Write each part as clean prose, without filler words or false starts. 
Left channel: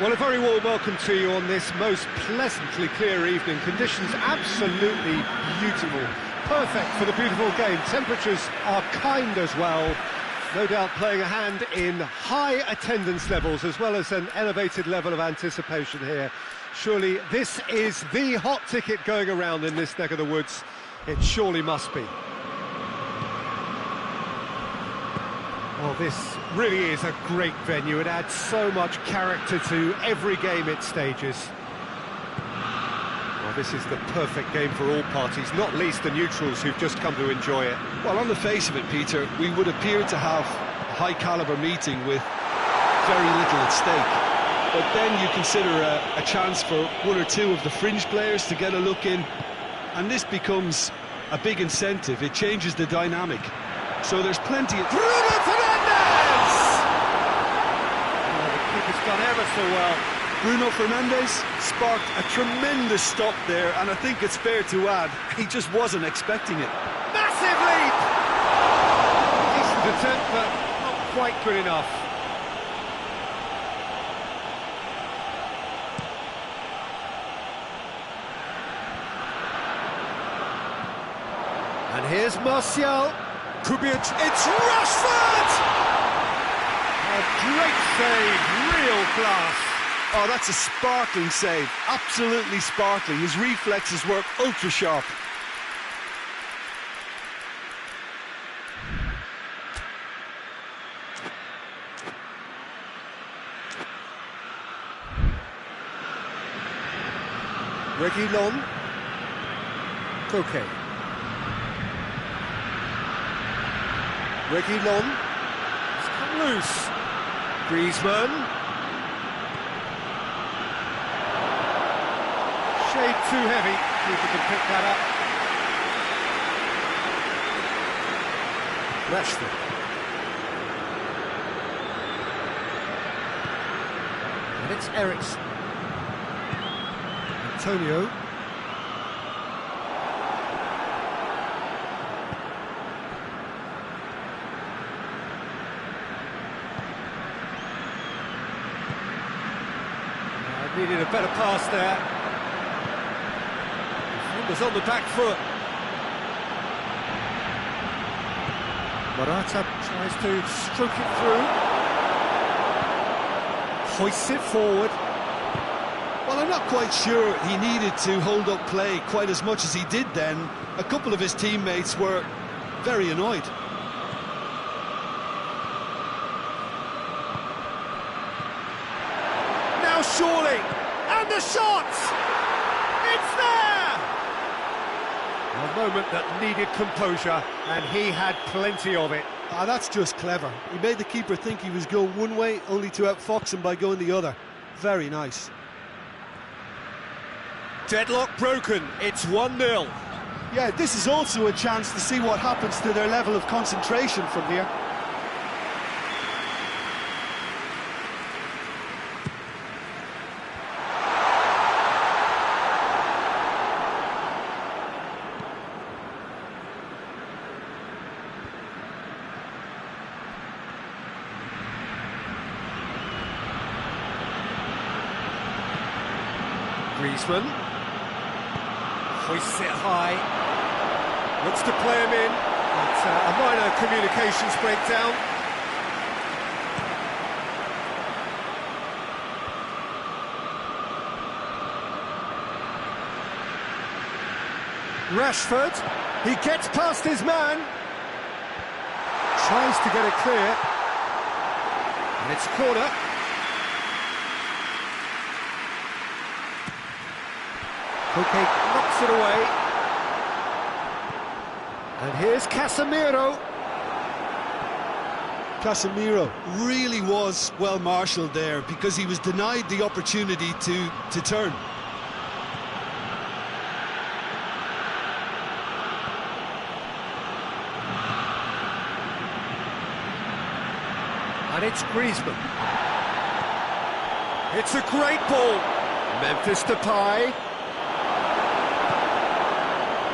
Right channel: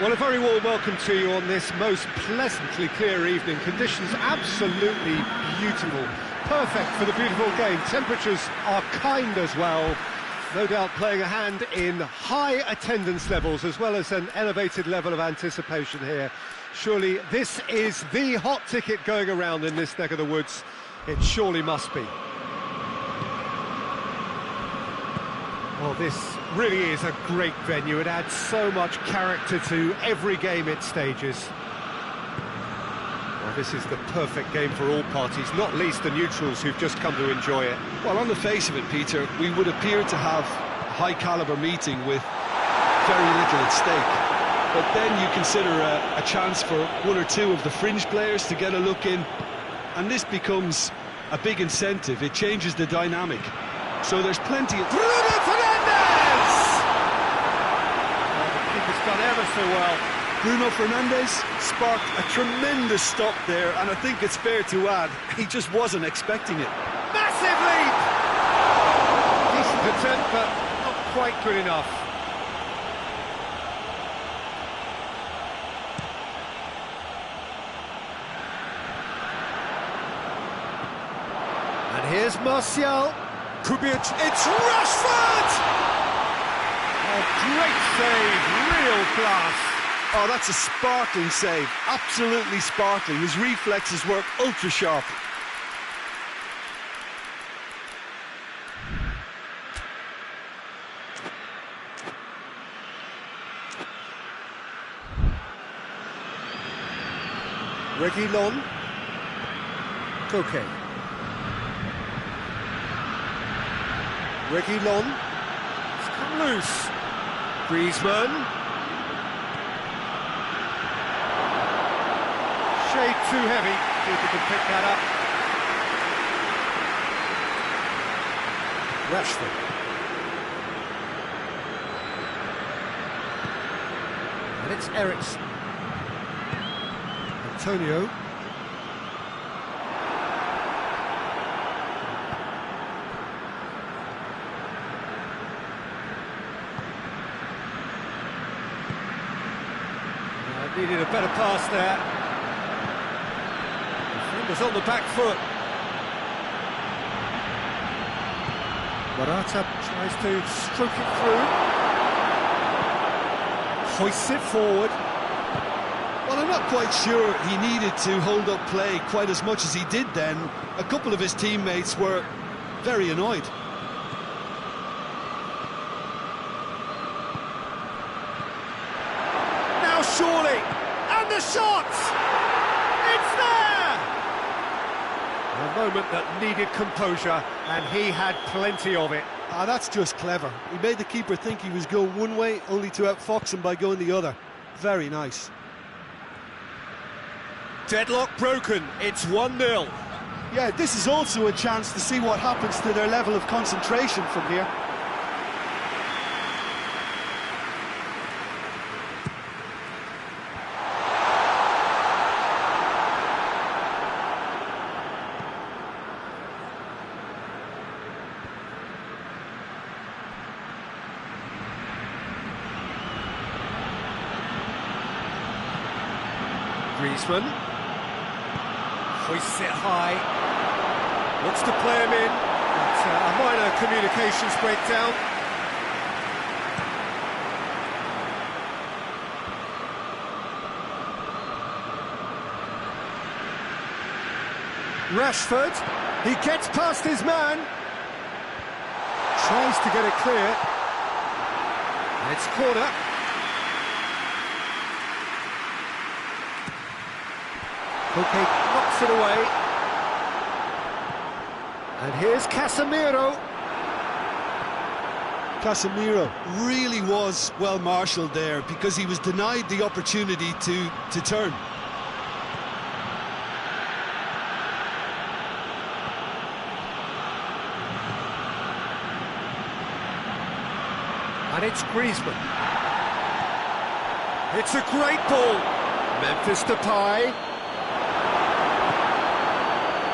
Well, a very warm welcome to you on this most pleasantly clear evening. Conditions absolutely beautiful. Perfect for the beautiful game. Temperatures are kind as well. No doubt playing a hand in high attendance levels as well as an elevated level of anticipation here. Surely this is the hot ticket going around in this neck of the woods. It surely must be. Well, this really is a great venue. It adds so much character to every game it stages. Well, this is the perfect game for all parties, not least the neutrals who've just come to enjoy it. Well, on the face of it, Peter, we would appear to have a high-caliber meeting with very little at stake. But then you consider a chance for one or two of the fringe players to get a look in, and this becomes a big incentive. It changes the dynamic. So there's plenty of... Bruno Fernandes! Oh, the keeper's done ever so well. Bruno Fernandes sparked a tremendous stop there, and I think it's fair to add, he just wasn't expecting it. Massive leap! Decent attempt, but not quite good enough. And here's Martial. Kubic, it's Rashford! Oh, great save, real class. Oh, that's a sparkling save, absolutely sparkling. His reflexes work ultra sharp. Reguilon. Koke. Reguilon. It's come loose. Griezmann. Shade too heavy. Keeper can pick that up. Rashford. And it's Eriksen. Antonio. Needed a better pass there. Defenders on the back foot. Morata tries to stroke it through. Hoists it forward. Well, I'm not quite sure he needed to hold up play quite as much as he did then. A couple of his teammates were very annoyed. Now surely, and the shot! It's there! A moment that needed composure, and he had plenty of it. Ah, that's just clever. He made the keeper think he was going one way, only to outfox him by going the other. Very nice. Deadlock broken, it's 1-0. Yeah, this is also a chance to see what happens to their level of concentration from here. Griezmann hoists it high, looks to play him in, but a minor communications breakdown. Rashford, he gets past his man, tries to get it clear, and it's corner. Koke knocks it away. And here's Casemiro. Casemiro really was well marshalled there because he was denied the opportunity to turn. And it's Griezmann. It's a great ball. Memphis Depay.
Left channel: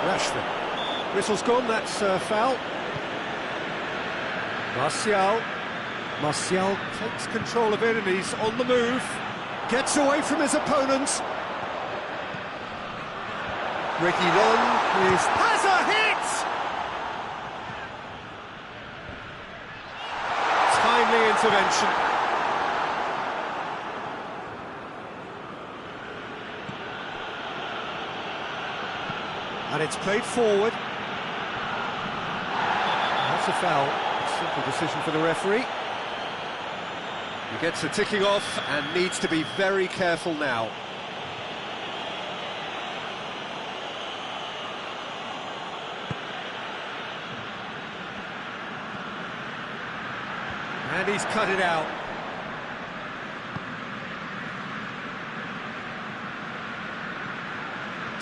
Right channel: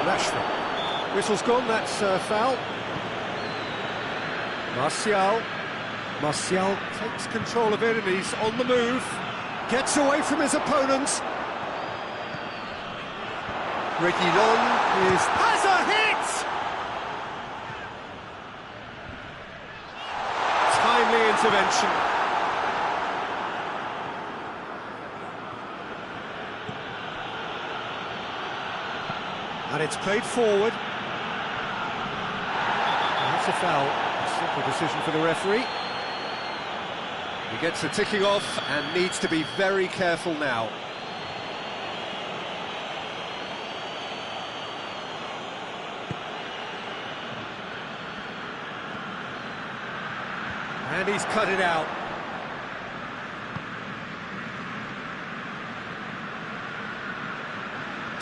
Rashford. Whistle's gone, that's foul. Martial takes control of it and he's on the move. Gets away from his opponent. Reguilon has a hit! Timely intervention. And it's played forward. That's a foul. A simple decision for the referee. He gets a ticking off and needs to be very careful now. And he's cut it out.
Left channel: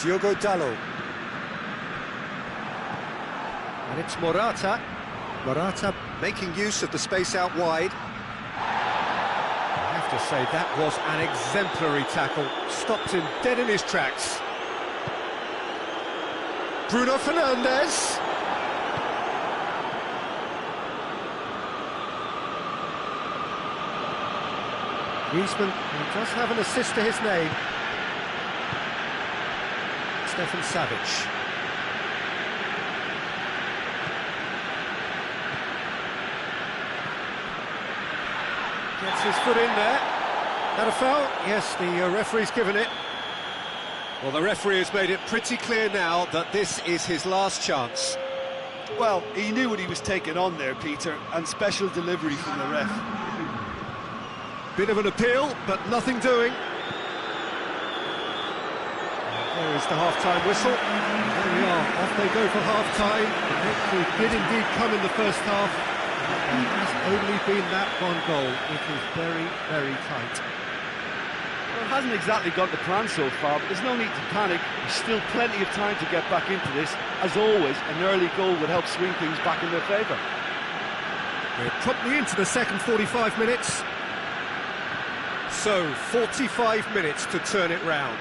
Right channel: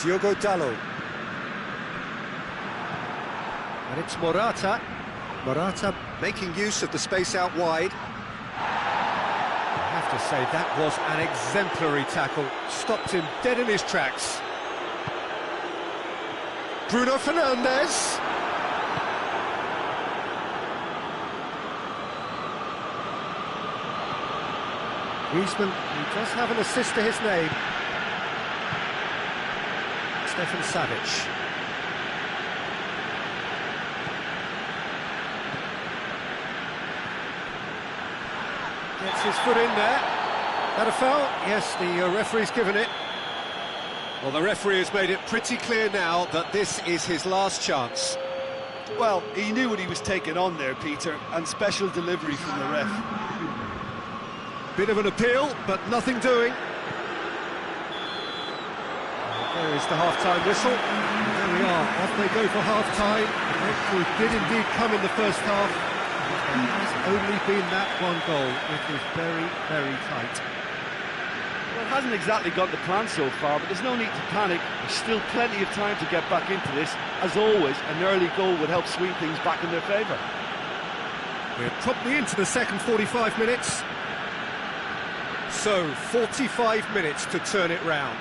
Diogo Dalot. And it's Morata. Morata making use of the space out wide. I have to say, that was an exemplary tackle. Stopped him dead in his tracks. Bruno Fernandes. Griezmann, who does have an assist to his name. Stefan Savic. Gets his foot in there. That a foul? Yes, the referee's given it. Well, the referee has made it pretty clear now that this is his last chance. Well, he knew what he was taking on there, Peter, and special delivery from the ref. Bit of an appeal, but nothing doing. There is the half-time whistle. And there we are, off they go for half-time. The breakthrough did indeed come in the first half, but there has only been that one goal. It is very, very tight. Well, it hasn't exactly got the plan so far, but there's no need to panic. There's still plenty of time to get back into this. As always, an early goal would help swing things back in their favour. We're promptly into the second 45 minutes. So, 45 minutes to turn it round.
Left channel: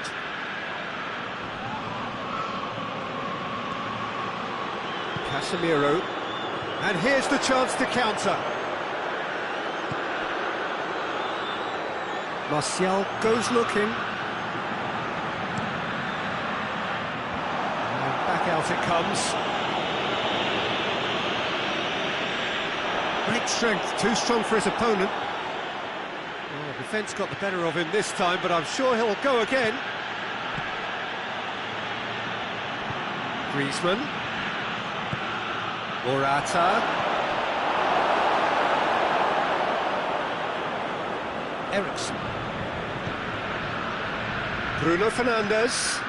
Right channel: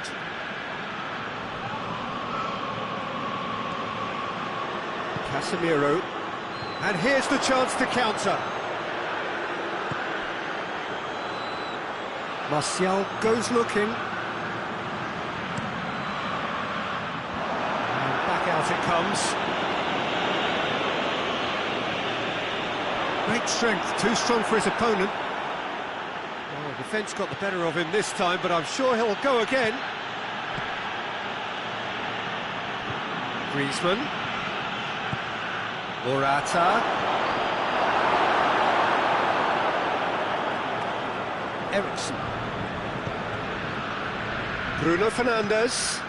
Casemiro, and here's the chance to counter. Martial goes looking. Back out it comes. Great strength, too strong for his opponent. Well, the defence got the better of him this time, but I'm sure he'll go again. Griezmann. Morata. Eriksson. Bruno Fernandes.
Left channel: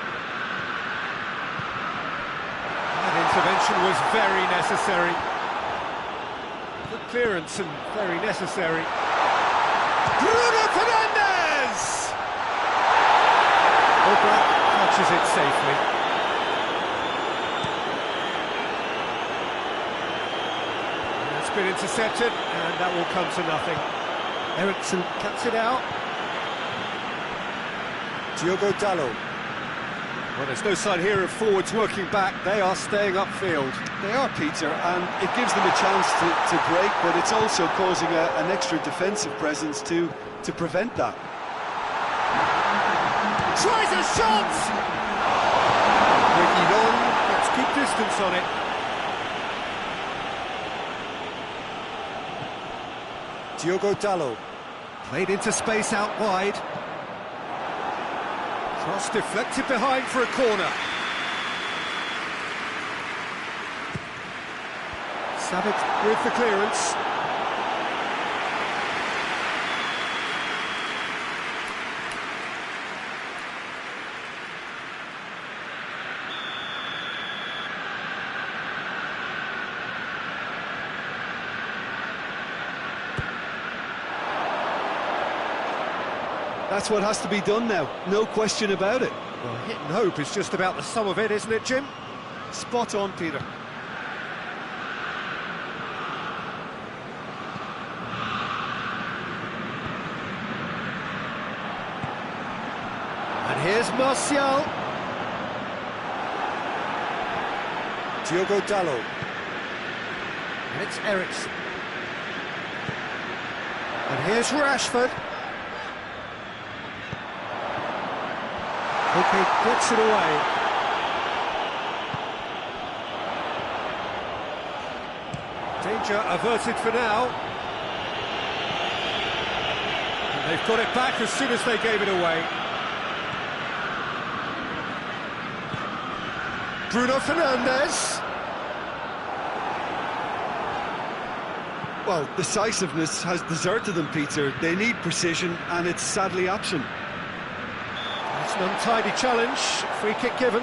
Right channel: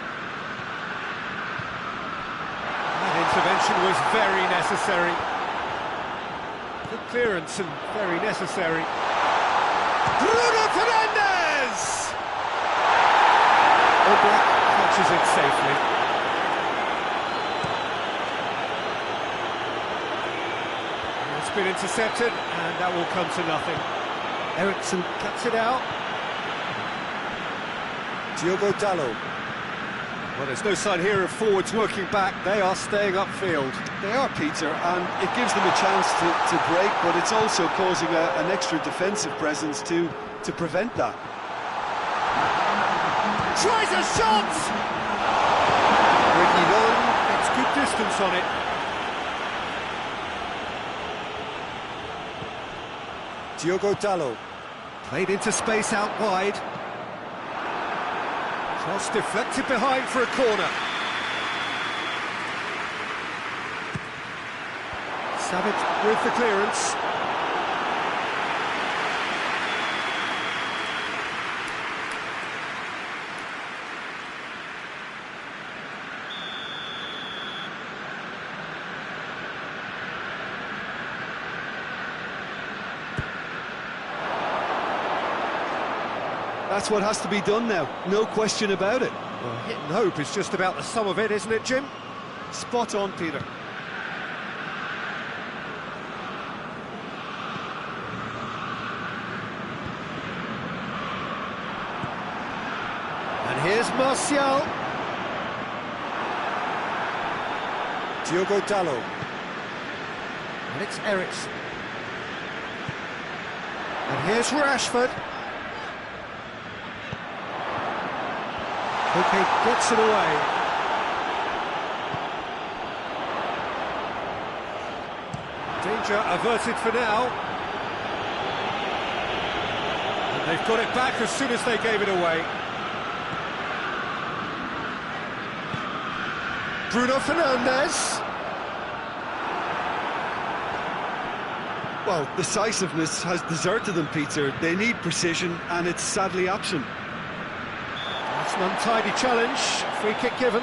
That intervention was very necessary. Good clearance and very necessary. Bruno Fernandes! All Black catches it safely. And it's been intercepted, and that will come to nothing. Eriksson cuts it out. Diogo Dalot. Well, there's no sign here of forwards working back. They are staying upfield. They are, Peter, and it gives them a chance to break, but it's also causing an extra defensive presence to prevent that. Tries a shot! Reguilon gets good distance on it. Diogo Dalot. Played into space out wide. Cross deflected behind for a corner. Savic with the clearance. That's what has to be done now, no question about it. Well, hit and hope is just about the sum of it, isn't it, Jim? Spot on, Peter. And here's Martial. Diogo Dalot. And it's Eriksson. And here's Rashford. Okay, gets it away. Danger averted for now. And they've got it back as soon as they gave it away. Bruno Fernandes. Well, decisiveness has deserted them, Peter. They need precision, and it's sadly absent. That's an untidy challenge. Free kick given.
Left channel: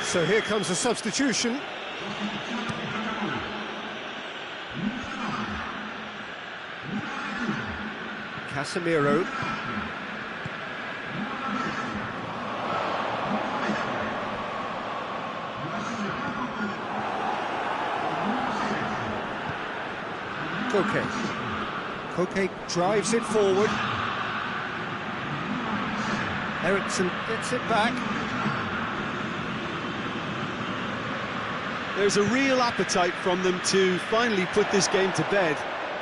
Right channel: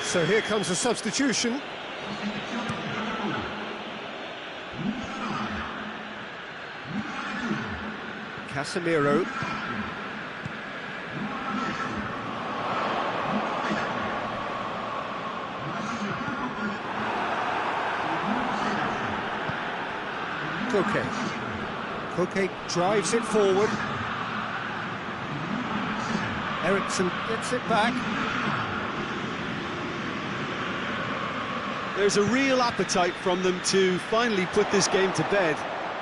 So here comes a substitution. Casemiro. Koke drives it forward. Eriksson gets it back. There's a real appetite from them to finally put this game to bed,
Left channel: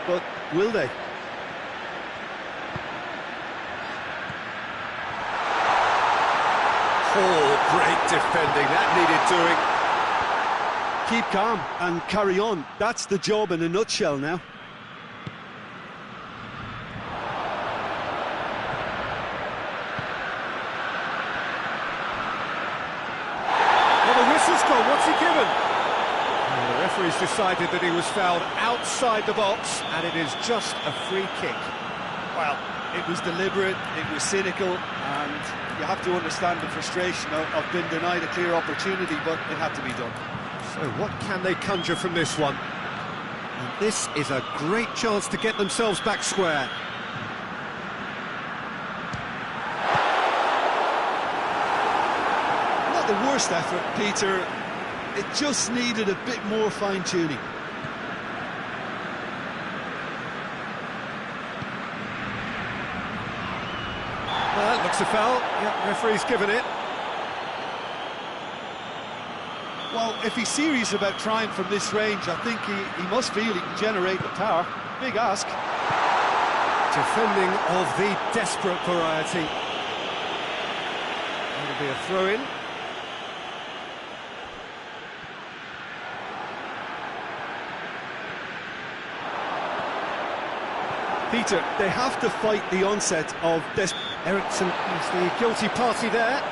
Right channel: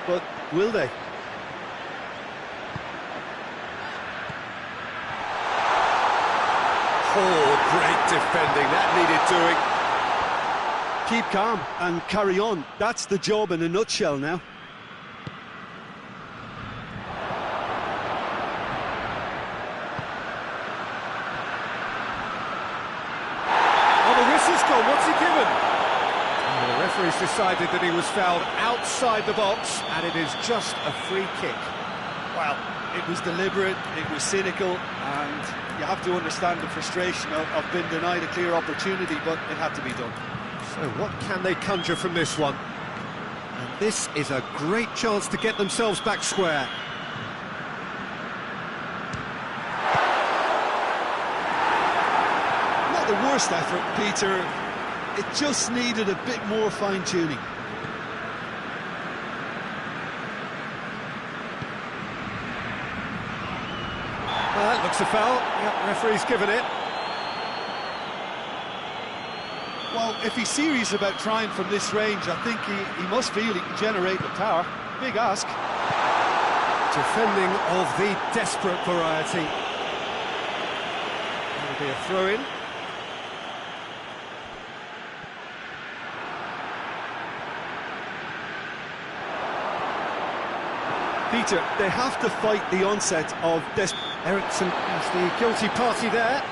but will they? Oh, great defending, that needed doing. Keep calm and carry on. That's the job in a nutshell now. Oh, the whistle's gone, what's he given? The referee's decided that he was fouled outside the box, and it is just a free kick. Well, it was deliberate, it was cynical, and you have to understand the frustration of being denied a clear opportunity, but it had to be done. So what can they conjure from this one? And this is a great chance to get themselves back square. Not the worst effort, Peter. It just needed a bit more fine-tuning. Well, that looks a foul. Yeah, referee's given it. Well, if he's serious about trying from this range, I think he must feel he can generate the power. Big ask. Defending of the desperate variety. That'll be a throw-in. Peter, they have to fight the onset of Eriksson is the guilty party there.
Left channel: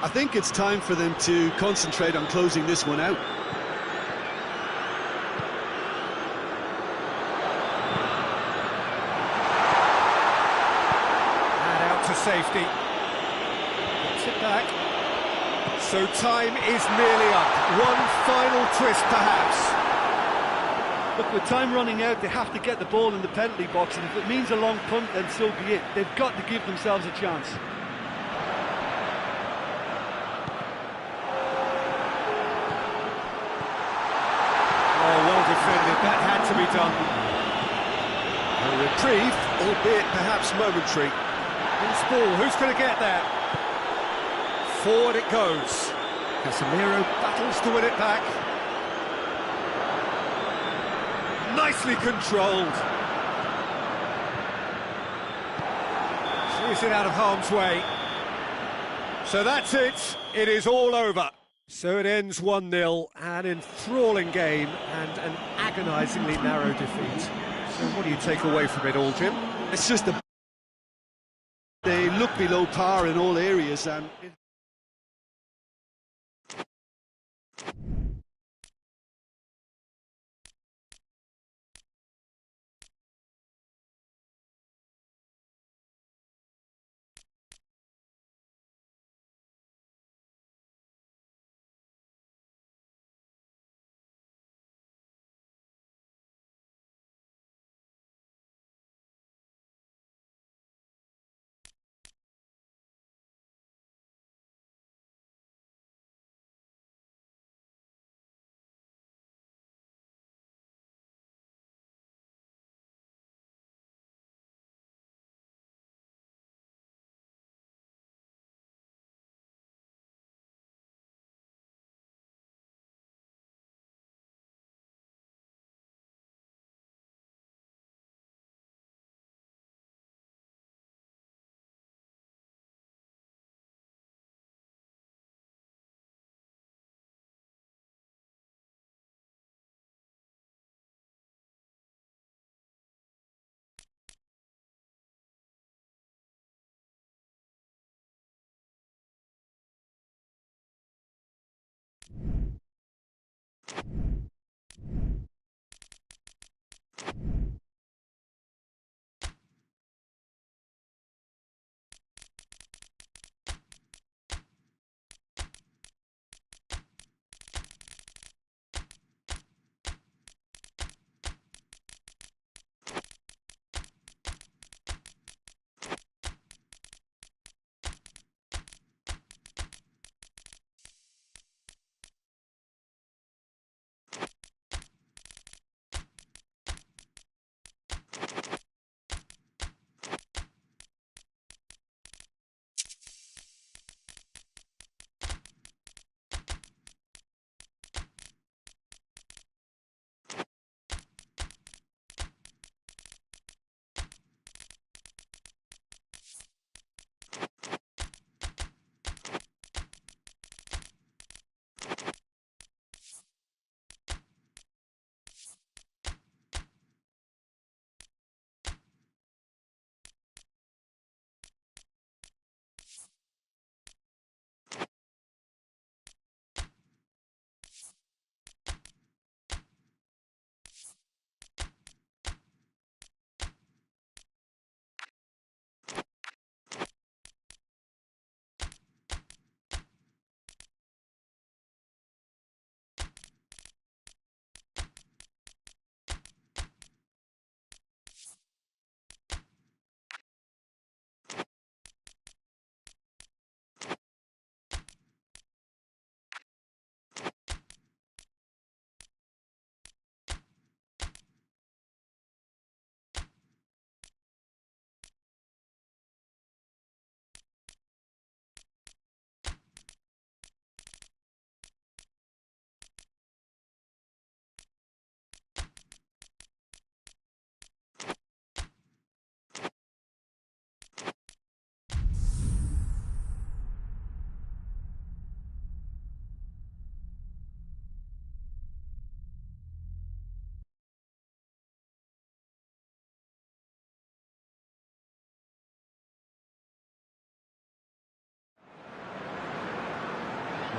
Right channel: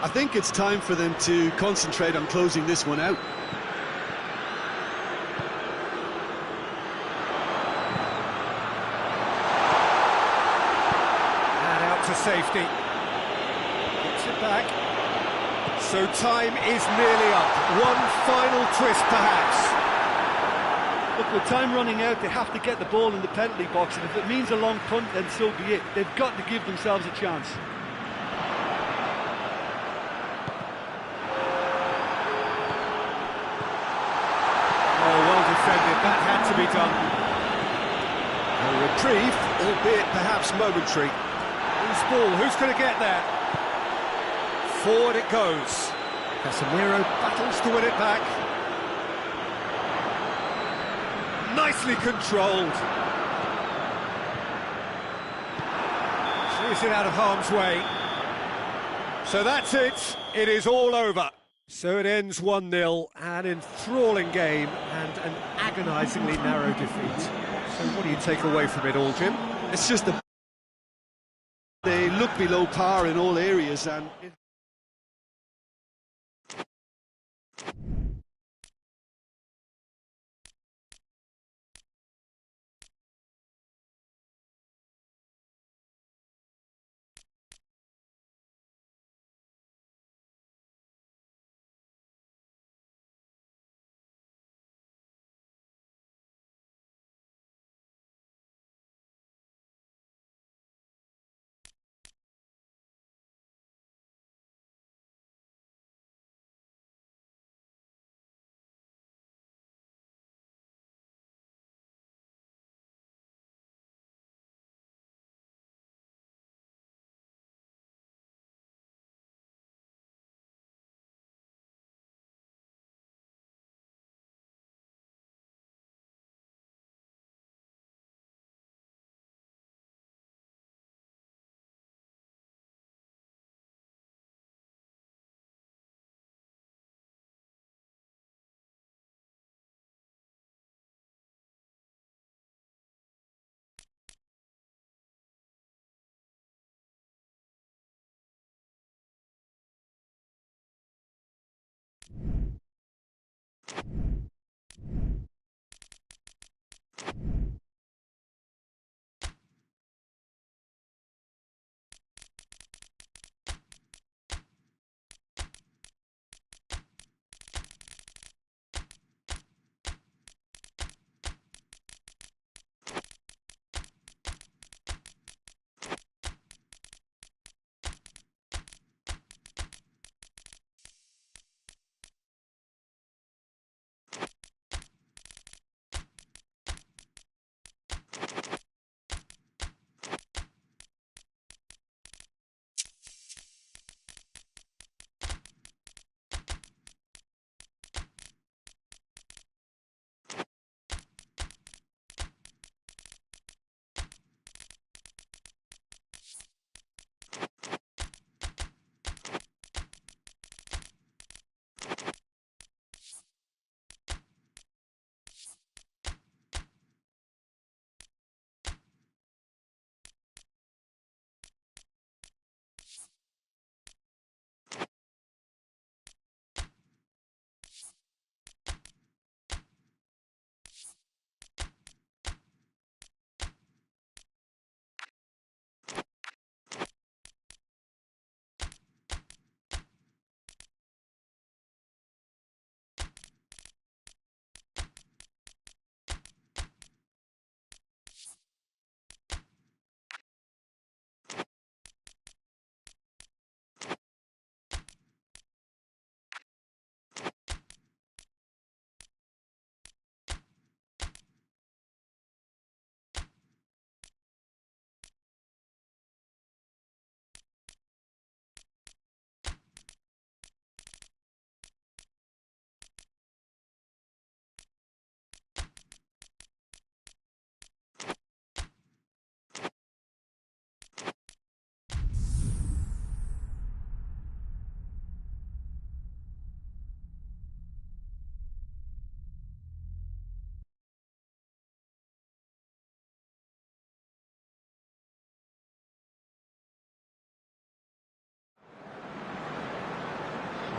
I think it's time for them to concentrate on closing this one out. And out to safety. Gets it back. So time is nearly up. One final twist, perhaps. Look, with time running out, they have to get the ball in the penalty box, and if it means a long punt, then so be it. They've got to give themselves a chance. Oh, well defended. That had to be done. A reprieve, albeit perhaps momentary. Who's ball? Who's going to get there? Forward it goes. Casemiro battles to win it back. Nicely controlled. Sees it out of harm's way. So that's it. It is all over. So it ends 1-0, an enthralling game and an agonisingly narrow defeat. So what do you take away from it all, Jim? It's just they look below par in all areas, and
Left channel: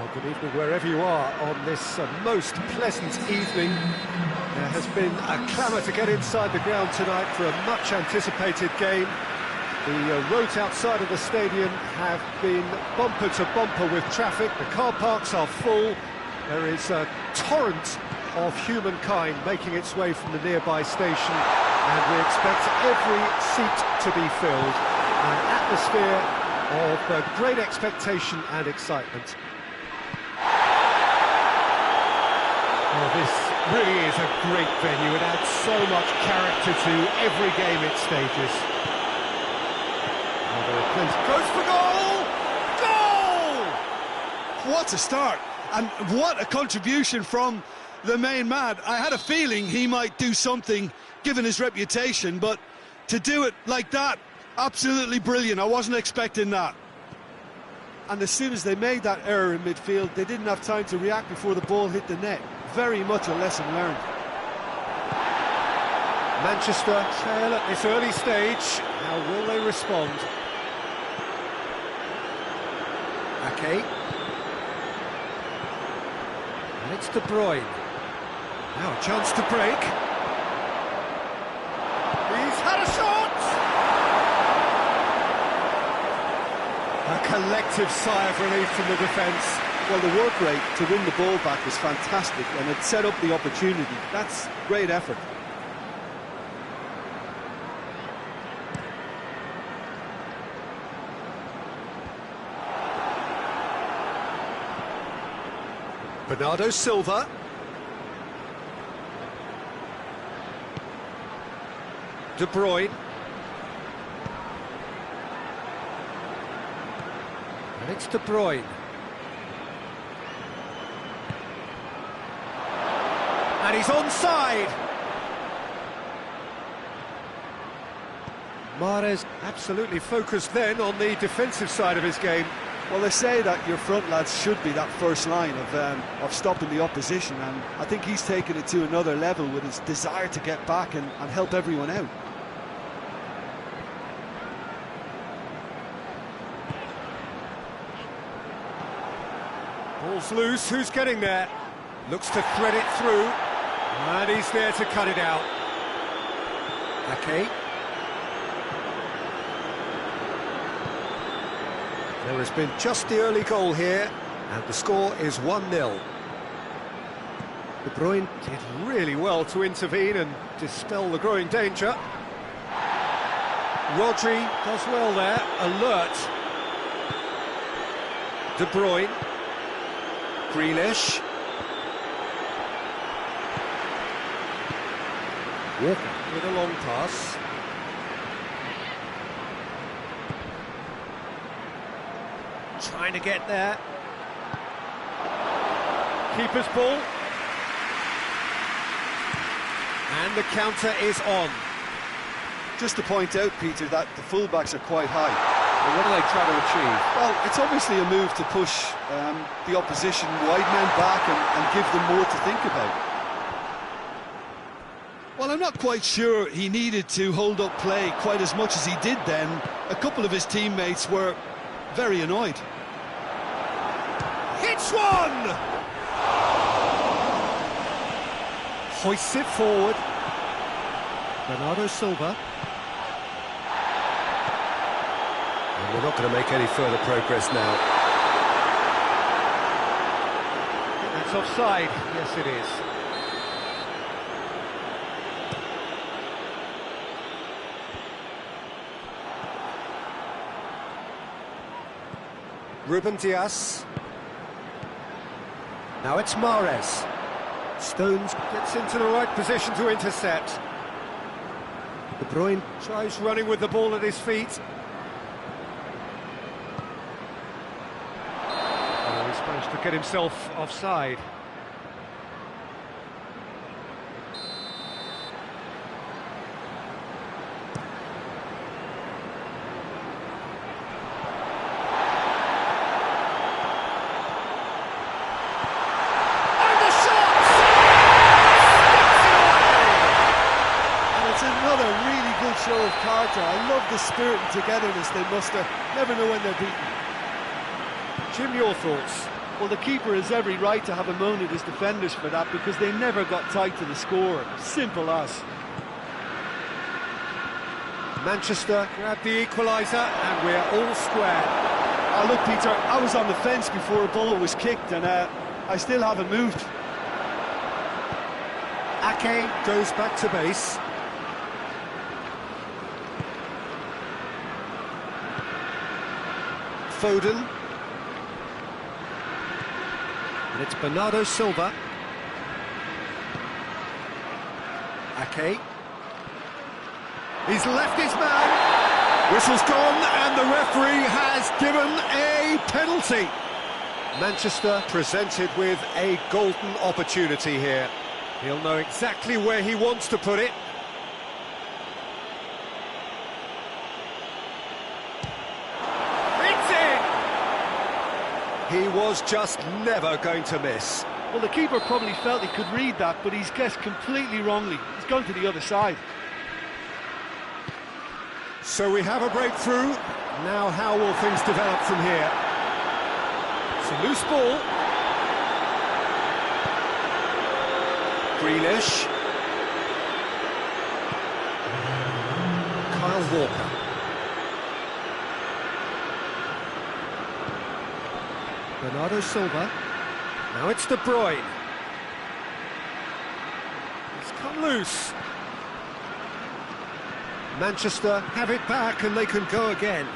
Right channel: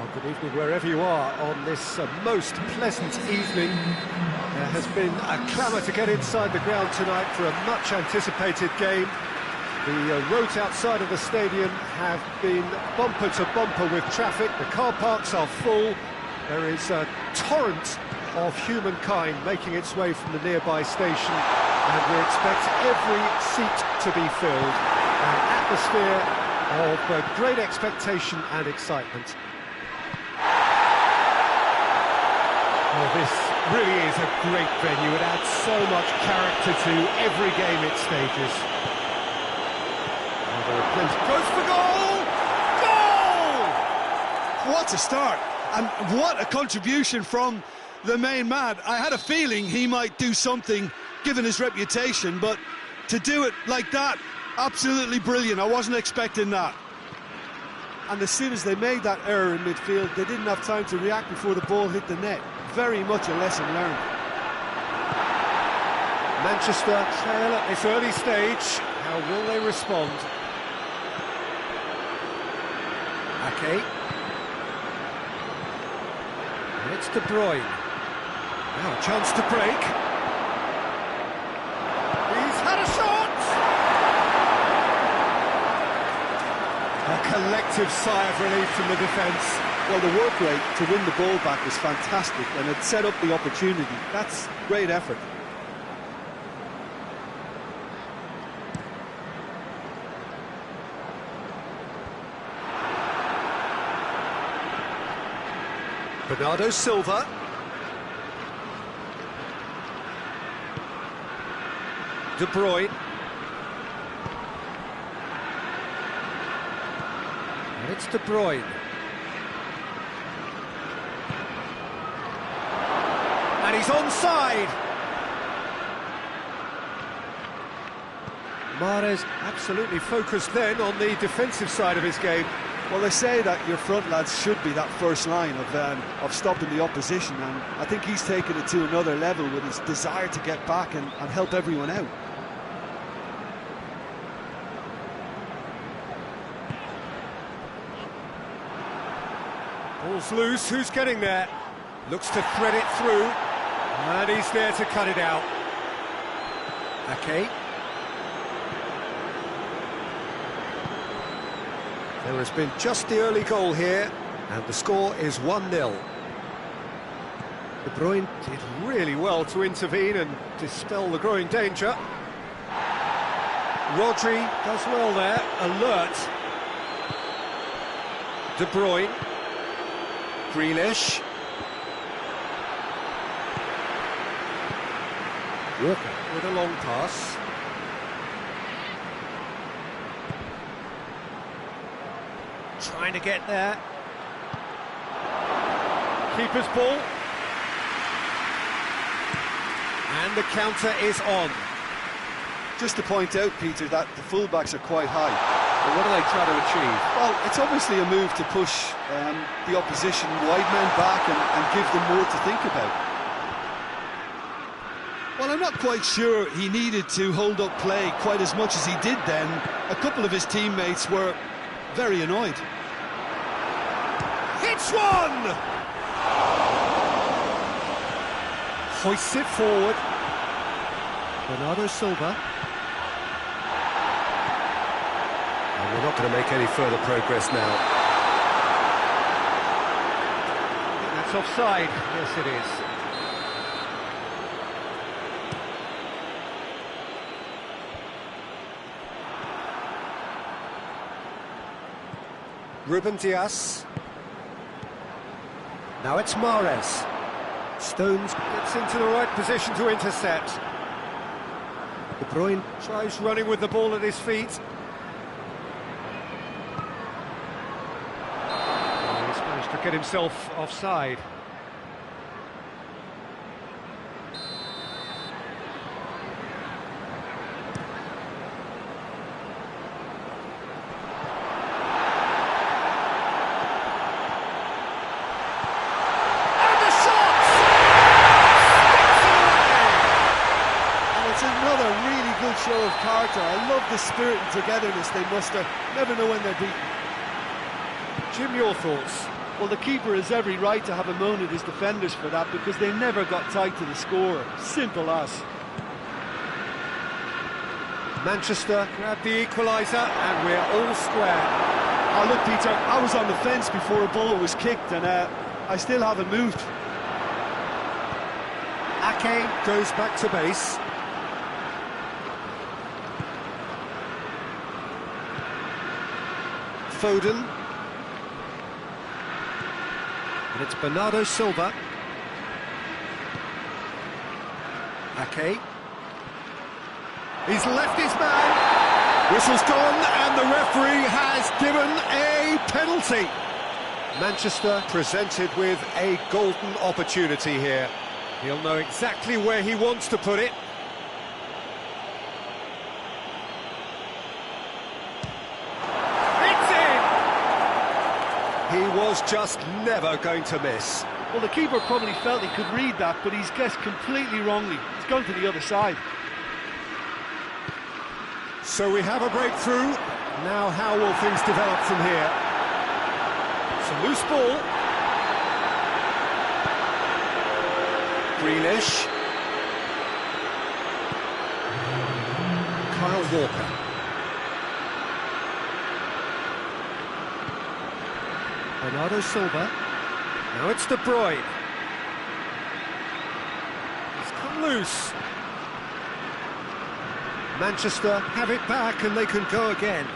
Well, good evening wherever you are on this most pleasant evening. There has been a clamour to get inside the ground tonight for a much anticipated game. The roads outside of the stadium have been bumper to bumper with traffic. The car parks are full. There is a torrent of humankind making its way from the nearby station, and we expect every seat to be filled. An atmosphere of great expectation and excitement. Well, this really is a great venue. It adds so much character to every game it stages. Well, there are plenty. Goes for goal! Goal! What a start, and what a contribution from the main man. I had a feeling he might do something given his reputation, but to do it like that, absolutely brilliant. I wasn't expecting that. And as soon as they made that error in midfield, they didn't have time to react before the ball hit the net. Very much a lesson learned. Manchester trail at this early stage. How will they respond? Ake. And it's De Bruyne. Now a chance to break. He's had a shot! A collective sigh of relief from the defence. Well, the work rate to win the ball back was fantastic, and it set up the opportunity. That's great effort. Bernardo Silva. De Bruyne. And it's De Bruyne. And he's onside. Mahrez absolutely focused then on the defensive side of his game. Well, they say that your front lads should be that first line of stopping the opposition, and I think he's taken it to another level with his desire to get back and help everyone out. Ball's loose, who's getting there? Looks to thread it through, and he's there to cut it out. Ake. There has been just the early goal here, and the score is 1-0. De Bruyne did really well to intervene and dispel the growing danger. Rodri does well there, alert. De Bruyne. Grealish. Walker with a long pass. Trying to get there. Keeper's ball. And the counter is on. Just to point out, Peter, that the fullbacks are quite high. But what are they trying to achieve? Well, it's obviously a move to push the opposition wide men back and give them more to think about. Well, I'm not quite sure he needed to hold up play quite as much as he did then. A couple of his teammates were very annoyed. Hits one! Hoists it forward. Bernardo Silva. And we're not going to make any further progress now. I think that's offside. Yes, it is. Ruben Dias. Now it's Mahrez. Stones gets into the right position to intercept. De Bruyne tries running with the ball at his feet. Oh, he's managed to get himself offside. Another really good show of character. I love the spirit and togetherness they muster. Never know when they're beaten. Jim, your thoughts? Well, the keeper has every right to have a moan at his defenders for that, because they never got tight to the score. Simple as. Manchester grab the equaliser, and we're all square. Oh, look, Peter, I was on the fence before a ball was kicked, and I still haven't moved. Ake goes back to base. Foden. And it's Bernardo Silva. Ake. He's left his man. Whistle's gone, and the referee has given a penalty. Manchester presented with a golden opportunity here. He'll know exactly where he wants to put it. It's in! He was just never going to miss. Well, the keeper probably felt he could read that, but he's guessed completely wrongly. He's gone to the other side. So we have a breakthrough. Now how will things develop from here? It's a loose ball. Grealish. Kyle Walker. Bernardo Silva. Now it's De Bruyne. It's come loose. Manchester have it back, and they can go again.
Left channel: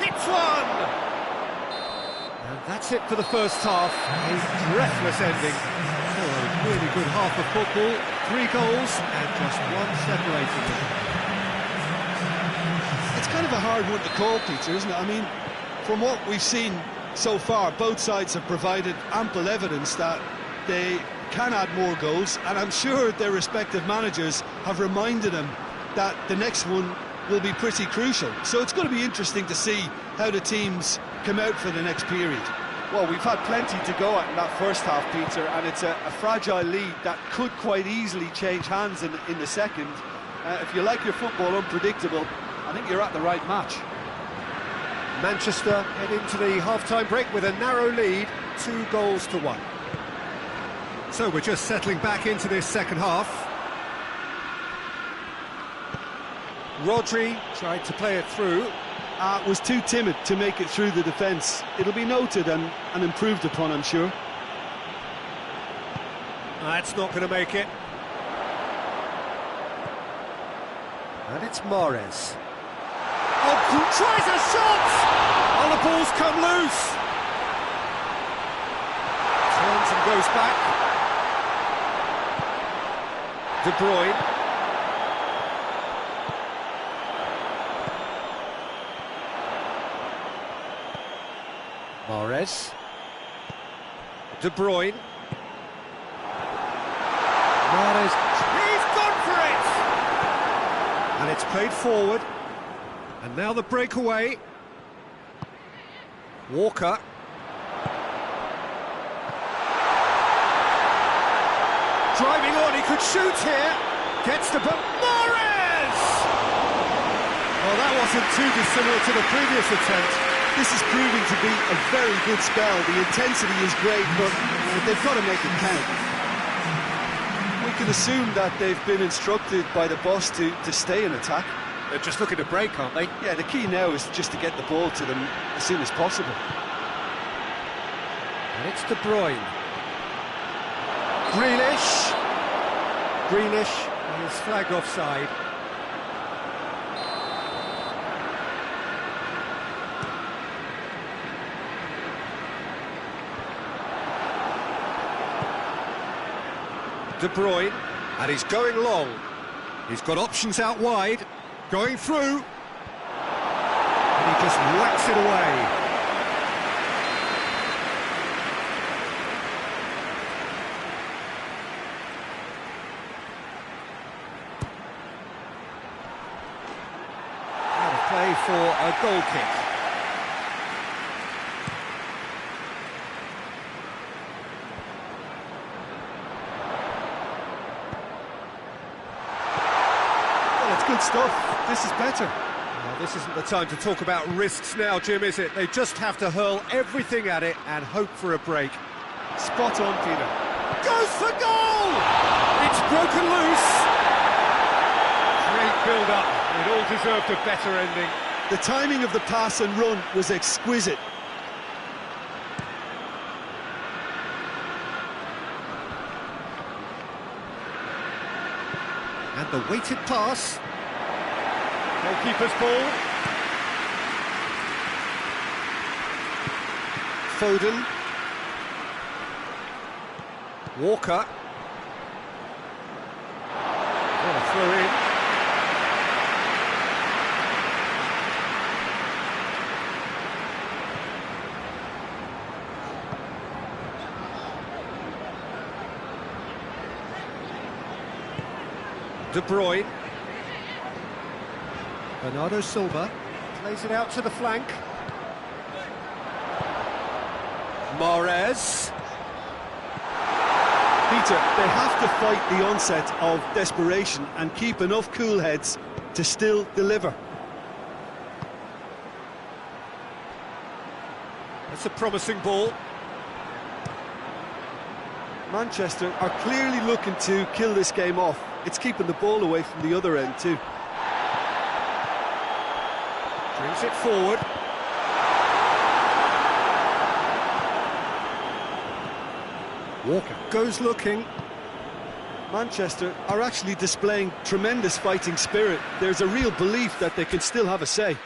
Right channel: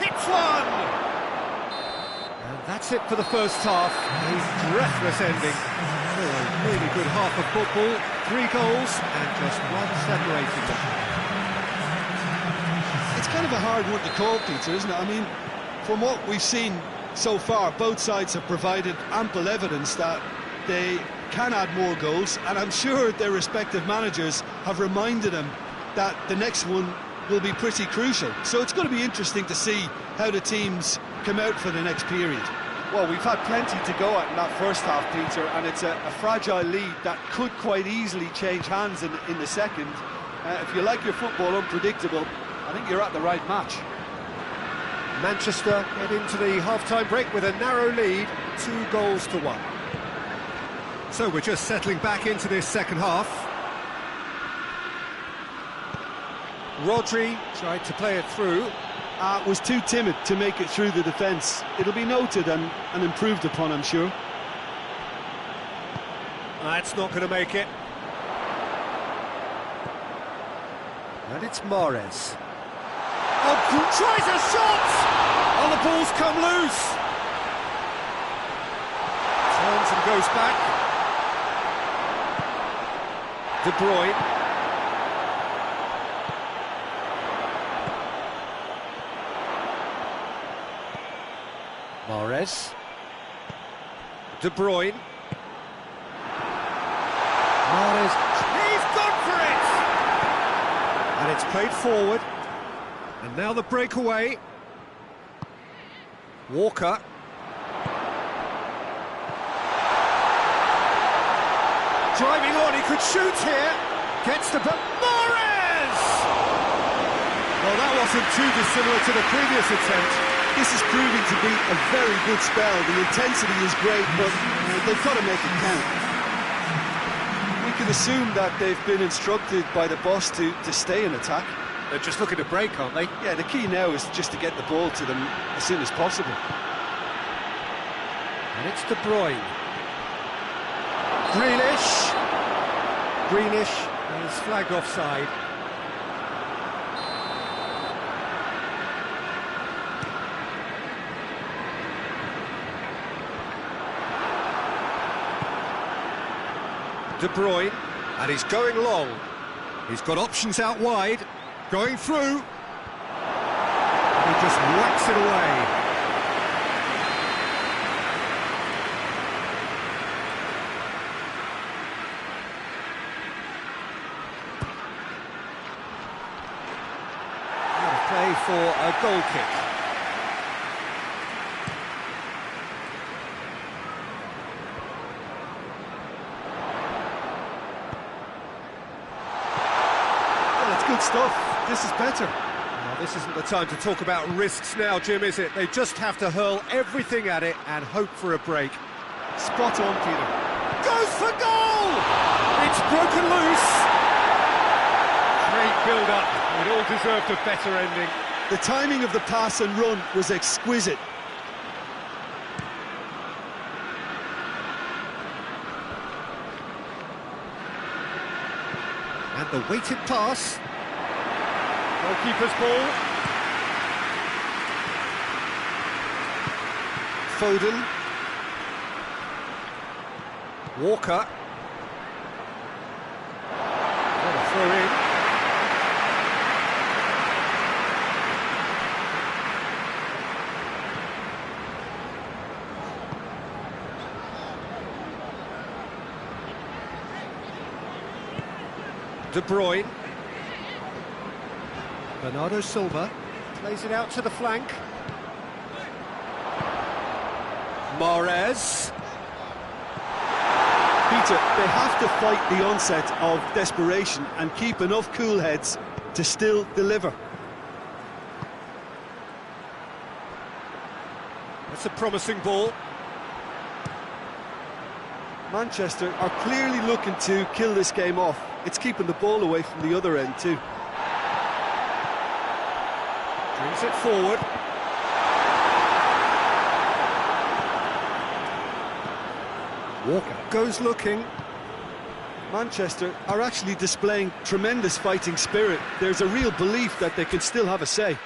Hits one! And that's it for the first half. A breathless ending. So a really good half of football. 3 goals and just one separating them. It's kind of a hard one to call, Peter, isn't it? I mean, from what we've seen so far, both sides have provided ample evidence that they can add more goals, and I'm sure their respective managers have reminded them that the next one will be pretty crucial. So it's going to be interesting to see how the teams come out for the next period. Well, we've had plenty to go at in that first half, Peter, and it's a fragile lead that could quite easily change hands in the second. If you like your football unpredictable, I think you're at the right match. Manchester head into the half-time break with a narrow lead, 2 goals to 1. So we're just settling back into this second half. Rodri tried to play it through. Was too timid to make it through the defence. It'll be noted and improved upon, I'm sure. That's not going to make it. And it's Mahrez. Oh, tries a shot! Oh, the ball's come loose. Turns and goes back. De Bruyne. Mahrez. De Bruyne. Mahrez. He's gone for it! And it's played forward. And now the breakaway. Walker. Driving on, he could shoot here. Gets to Mahrez! Well, that wasn't too dissimilar to the previous attempt. This is proving to be a very good spell. The intensity is great, but they've got to make it count. We can assume that they've been instructed by the boss to stay in attack. They're just looking to break, aren't they? Yeah, the key now is just to get the ball to them as soon as possible. And it's De Bruyne. Grealish. Grealish is flagged offside. De Bruyne, and he's going long. He's got options out wide, going through. And he just whacks it away. Out of play for a goal kick. Well, it's good stuff. This is better. Well, This isn't the time to talk about risks now, Jim, is it? They just have to hurl everything at it and hope for a break. Spot on, Peter. Goes for goal! It's broken loose. Great build-up. It all deserved a better ending. The timing of the pass and run was exquisite. And the weighted pass. Goalkeeper's ball. Foden. Walker. What a throw in. De Bruyne. Bernardo Silva plays it out to the flank. Mahrez. Peter, they have to fight the onset of desperation and keep enough cool heads to still deliver. That's a promising ball. Manchester are clearly looking to kill this game off. It's keeping the ball away from the other end too. Brings it forward. Walker goes looking. Manchester are actually displaying tremendous fighting spirit. There's a real belief that they can still have a say.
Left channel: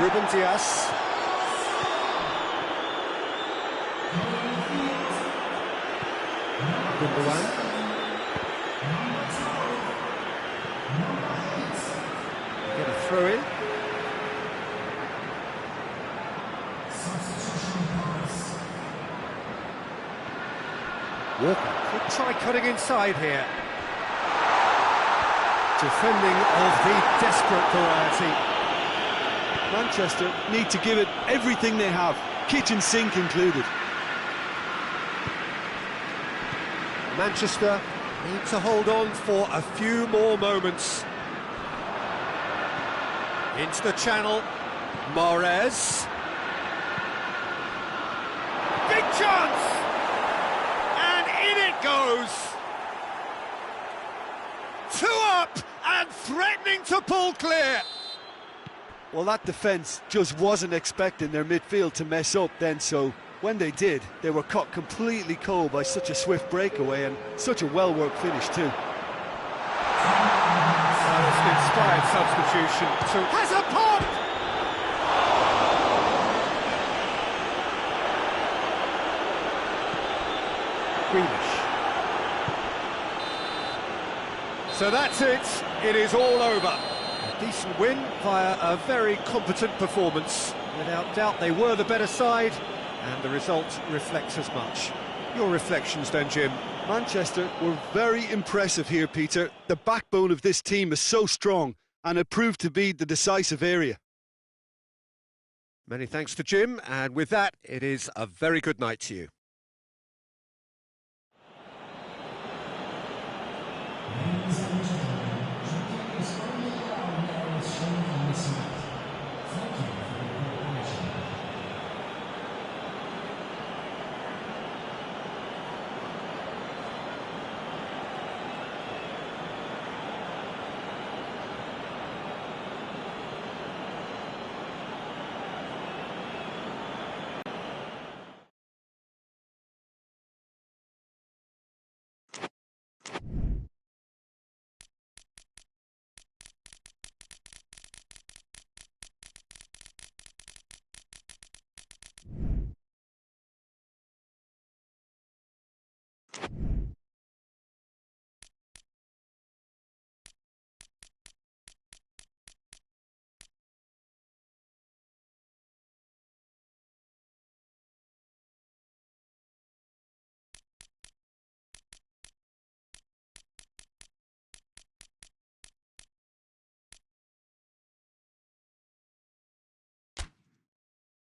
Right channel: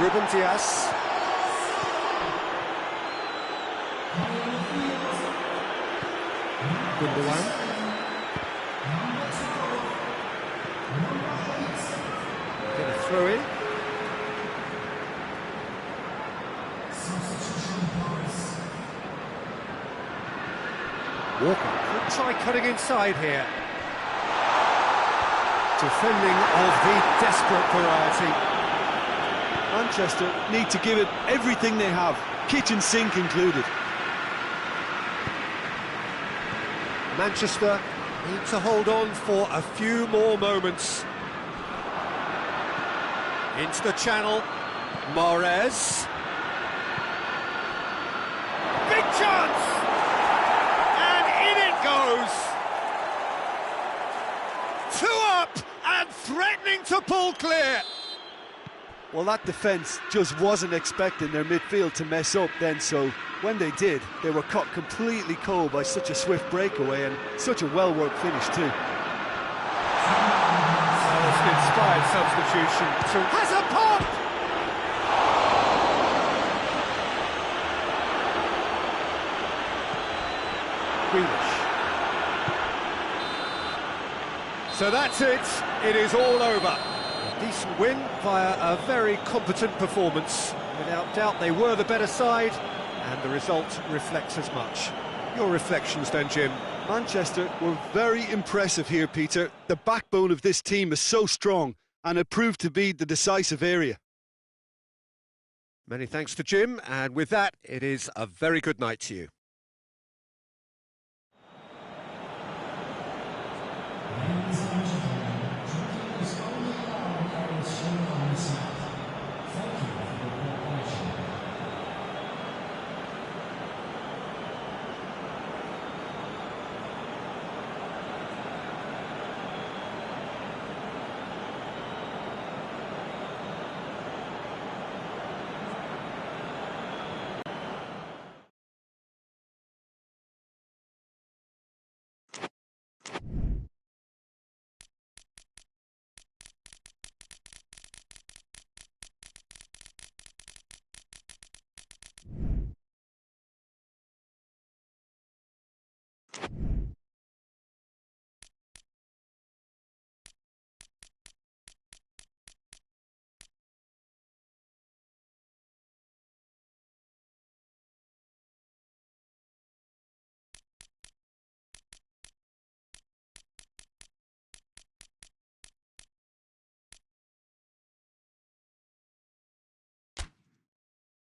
Ruben Dias. Gundogan. Get a throw in. Walker could try cutting inside here. Defending of the desperate variety. Manchester need to give it everything they have, kitchen sink included. Manchester need to hold on for a few more moments. Into the channel, Mahrez. Big chance! And in it goes! 2 up and threatening to pull clear. Well, that defence just wasn't expecting their midfield to mess up then, so when they did, they were caught completely cold by such a swift breakaway and such a well-worked finish too. Well, it's an inspired substitution. Has a pop! Grealish. So that's it. It is all over. A decent win via a very competent performance. Without doubt, they were the better side, and the result reflects as much. Your reflections then, Jim? Manchester were very impressive here, Peter. The backbone of this team is so strong, and it proved to be the decisive area. Many thanks to Jim, and with that, it is a very good night to you. it.